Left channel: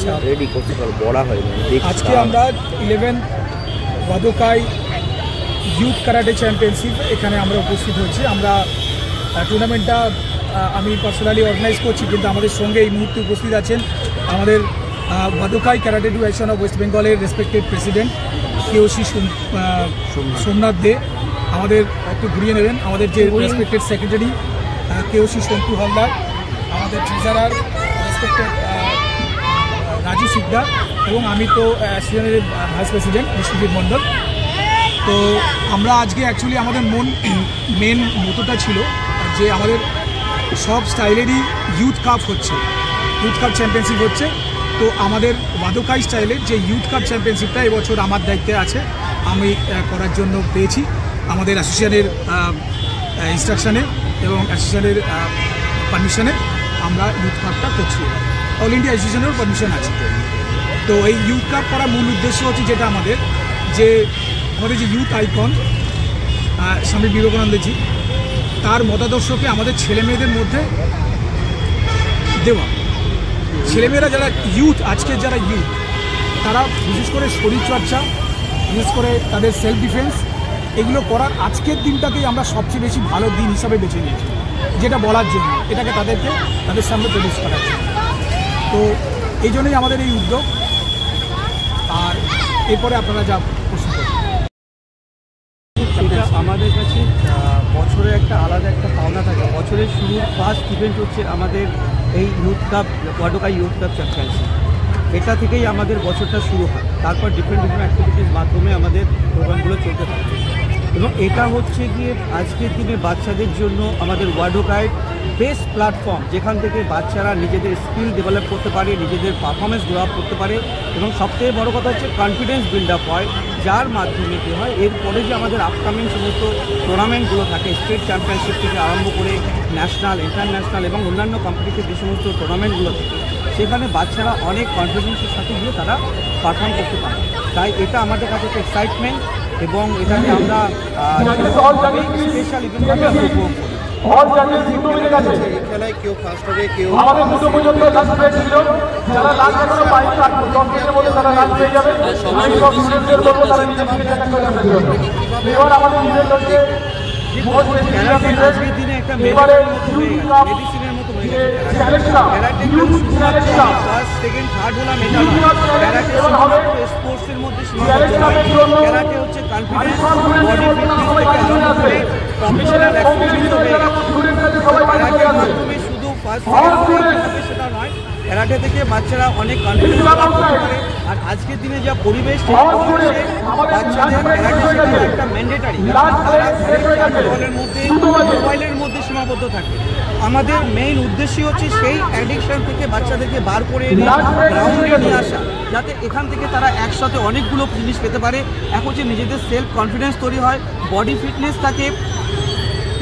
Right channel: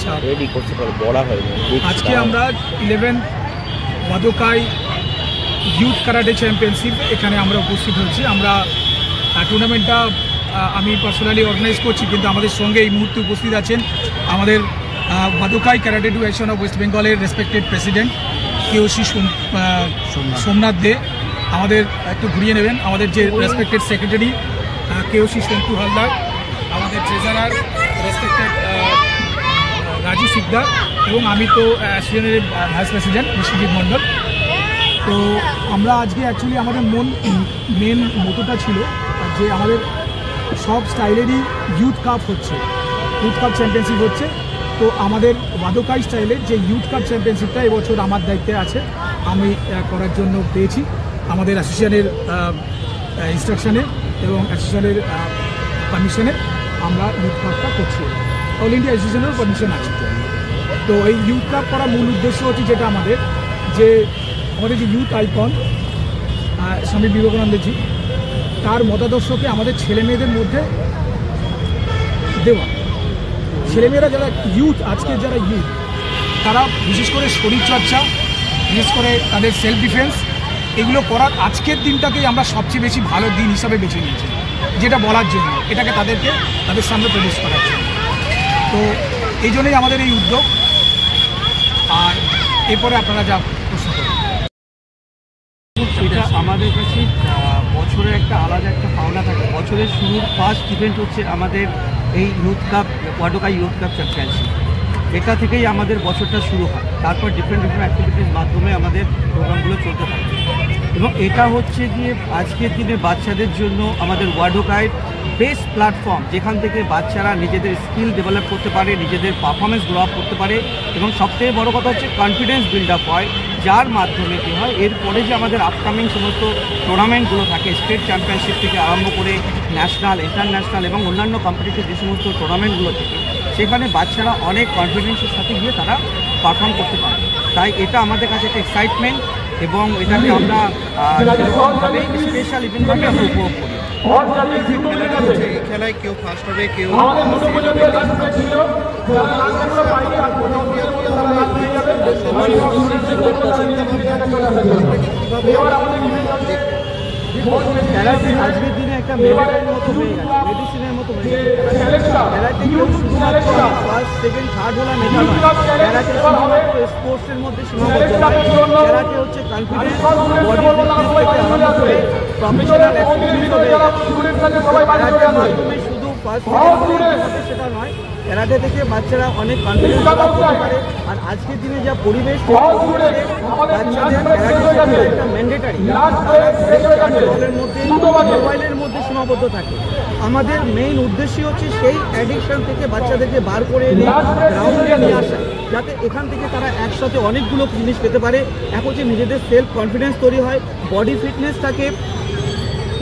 আচ্ছা রেডি করতে পারো বড়া হয় আজকে আমরা 11 ওয়াদোকাই ইউথ কারাটে চ্যাম্পিয়নশিপ এখানে আমরা উপস্থিত হয়েছি। আমরা টুর্নামেন্টটা আমি পার্সোনালি অর্গানাইজ করছি, কিন্তু আমাদের সঙ্গে এই মুহূর্তে উপস্থিত আছেন আমাদের ওয়াদোকাই কারাটে অ্যাসোসিয়েশন অফ ওয়েস্ট বেঙ্গলের রেসপেক্টেড প্রেসিডেন্ট কেওসি সোমনাথ দে। আমাদের একটু ঘুরিয়ে নেবেন আমাদের যে রেসপেক্টেড সেক্রেটারি কেওসি সন্তু হালদার, আমাদের ট্রেজারার রেসপেক্টেড রাজু সিকদার, এবং আমি তো অ্যাসোসিয়েশনের ভাইস প্রেসিডেন্ট বিশ্বজিৎ মণ্ডল। তো আমরা আজকে অ্যাকচুয়ালি আমাদের মেন মোটোটা ছিল যে আমাদের সব স্টাইলেরই ইউথ কাপ হচ্ছে, ইউথ কাপ চ্যাম্পিয়নশিপ হচ্ছে। তো আমাদের ওয়াদোকাই স্টাইলের যে ইউথ কাপ চ্যাম্পিয়নশিপটা এবছর আমার দায়িত্বে আছে, আমি করার জন্য পেয়েছি আমাদের অ্যাসোসিয়েশনের ইনস্ট্রাকশানে এবং অ্যাসোসিয়েশনের পারমিশনে আমরা ইউথ কাপটা করছি। অল ইন্ডিয়া অ্যাসোসিয়েশনেরও পারমিশন আছে। তো এই ইউথ কাপ করার মূল উদ্দেশ্য হচ্ছে যেটা আমাদের যে ইউথ আইকন স্বামী বিবেকানন্দজি, তার মতাদর্শকে আমাদের ছেলেমেয়েদের মধ্যে দেওয়া। ছেলেমেয়েরা যারা ইউথ, আজকের যারা ইউথ, তারা বিশেষ করে শরীরচর্চা, বিশেষ করে তাদের সেলফ ডিফেন্স, এগুলো করার আজকের দিনটাকেই আমরা সবচেয়ে বেশি ভালো দিন হিসাবে বেছে নিয়েছি, যেটা বলার জন্য, এটাকে তাদের সামনে প্রডিউস করার জন্য। তো এই জন্যই আমাদের এই উদ্যোগ। আর এরপরে আপনারা যা প্রশ্ন করেন, এটা আমাদের কাছে বছরের একটা আলাদা একটা পাওনা থাকে। বছরের শুরুর ফার্স্ট ইভেন্ট হচ্ছে আমাদের এই youth cup, ওয়াদোকাই youth cup championship. এটা থেকেই আমাদের বছরটা শুরু হয়। তারপর ডিফারেন্ট অ্যাক্টিভিটির মাধ্যমে আমাদের প্রোগ্রামগুলো চলতে থাকে। এবং এটা হচ্ছে গিয়ে আজকের দিনে বাচ্চাদের জন্য আমাদের ওয়াদোকাই বেস্ট প্ল্যাটফর্ম, যেখান থেকে বাচ্চারা নিজেদের স্কিল ডেভেলপ করতে পারে, নিজেদের পারফরমেন্স গ্রো আপ করতে পারে, এবং সবথেকে বড় কথা হচ্ছে কনফিডেন্স বিল্ড আপ হয়, যার মাধ্যমে কী হয় এরপরে যে আমাদের আপকামিং সমস্ত টুর্নামেন্টগুলো থাকে, স্টেট চ্যাম্পিয়নশিপ থেকে আরম্ভ করে ন্যাশনাল, ইন্টারন্যাশনাল এবং অন্যান্য কম্পিটিটিভ যে সমস্ত টুর্নামেন্টগুলো থাকে, সেখানে বাচ্চারা অনেক কনফিডেন্সের সাথে গিয়ে তারা পারফর্ম করতে পারে। তাই এটা আমাদের কাছে একটা এক্সাইটমেন্ট, এবং এটাকে আমরা স্পেশাল ইভেন্টভাবে আমরা উপভোগ করি। এই খেলায় কেউ ফার্স্ট হবে, কেউ আজকের দিনে একটা মেডিসিনের মতো হয়ে গেছে। ফার্স্ট সেকেন্ড থার্ড হলাম, স্পোর্টসের মধ্যে সীমাবদ্ধ নয়। ক্যারাটে হচ্ছে কনফিডেন্স, প্রফেশনাল শুধু ফার্স্ট সেটা নয়, ক্যারাটে থেকে বাচ্চারা অনেক কনফিডেন্স করতে পারে। আর আজকের দিনে যা পরিবেশ, বাচ্চাদের একটা ম্যান্ডেটারি বলের মধ্যে, মোবাইলের মধ্যে সীমাবদ্ধ থাকে। আমাদের মেইন উদ্দেশ্যই হচ্ছে সেই অ্যাডিকশন থেকে বাচ্চাদেরকে বার করে নিয়ে আসা, যাতে এখান থেকে তারা একসাথে অনেকগুলো জিনিস পেতে পারে। এক হচ্ছে নিজেদের সেলফ কনফিডেন্স তৈরি হয়, বডি ফিটনেস থাকে,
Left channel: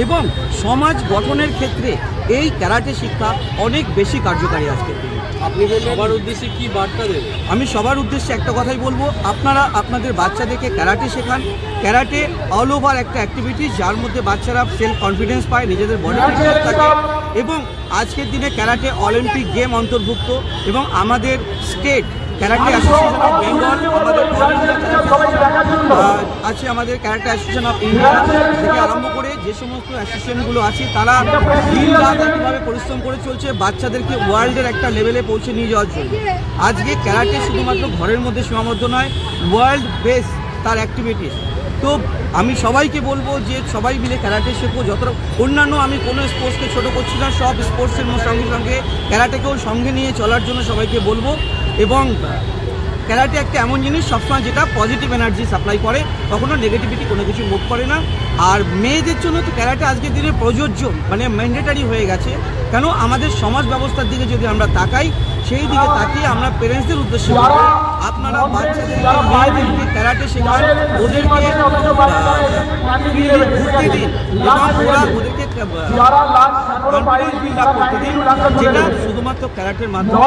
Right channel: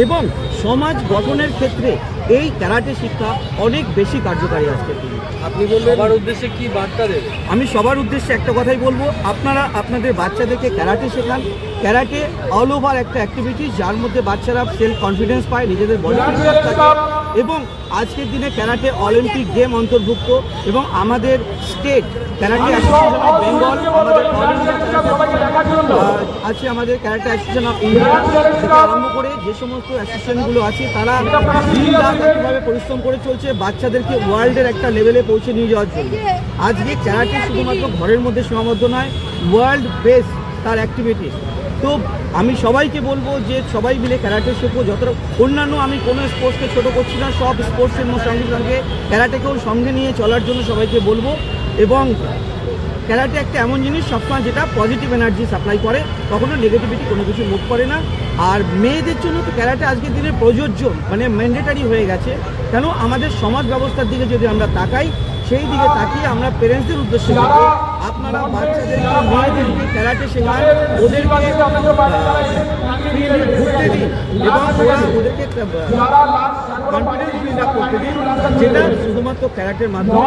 এবং সমাজ গঠনের ক্ষেত্রে এই ক্যারাটে শিক্ষা অনেক বেশি কার্যকারী। আজকে আপনি সবার উদ্দেশ্যে কি বার্তা দেবেন? আমি সবার উদ্দেশ্যে একটা কথাই বলবো, আপনারা আপনাদের বাচ্চাদেরকে ক্যারাটে শেখান। ক্যারাটে অল ওভার একটা অ্যাক্টিভিটি, যার মধ্যে বাচ্চারা সেলফ কনফিডেন্স পায়, নিজেদের বডি ফিটনেস থাকে, এবং আজকের দিনে ক্যারাটে অলিম্পিক গেম অন্তর্ভুক্ত। এবং আমাদের state karate association of Bengal, আছে আমাদের ক্যারাটে অ্যাসোসিয়েশন অফ ইন্ডিয়া থেকে আরম্ভ করে যে সমস্ত অ্যাসোসিয়েশনগুলো আছে, তারা দিন রাত একইভাবে পরিশ্রম করে চলছে বাচ্চাদেরকে ওয়ার্ল্ডের একটা লেভেলে পৌঁছে নিয়ে যাওয়ার জন্য। আজকে ক্যারাটে শুধুমাত্র ঘরের মধ্যে সীমাবদ্ধ নয়, ওয়ার্ল্ড বেস তার অ্যাক্টিভিটিস। তো আমি সবাইকে বলবো যে সবাই মিলে ক্যারাটে শেখো। যতটা অন্যান্য, আমি কোনো স্পোর্টসকে ছোটো করছি না, সব স্পোর্টসের সঙ্গে সঙ্গে ক্যারাটেকেও সঙ্গে নিয়ে চলার জন্য সবাইকে বলবো। এবং ক্যারাটে একটা এমন জিনিস সবসময় যেটা পজিটিভ এনার্জি সাপ্লাই করে, কখনো নেগেটিভিটি কোনো কিছু মুভ করে না। আর মেয়েদের জন্য তো ক্যারাটে আজকের দিনে প্রযোজ্য, মানে ম্যান্ডেটারি হয়ে গেছে। কেন আমাদের সমাজ ব্যবস্থার দিকে যদি আমরা তাকাই, সেই দিকে তাকিয়ে আমরা প্যারেন্টসদের উদ্দেশ্যে বলবো, আপনারা বাচ্চাদেরকে মেয়েদেরকে ক্যারাটে শেখান, ওদেরকে ঘুরতে দিন, এবং ওদেরকে কনফিডেন্স বিল্ড আপ করতে দিন, যেটা শুধুমাত্র ক্যারাটের মাধ্যমে।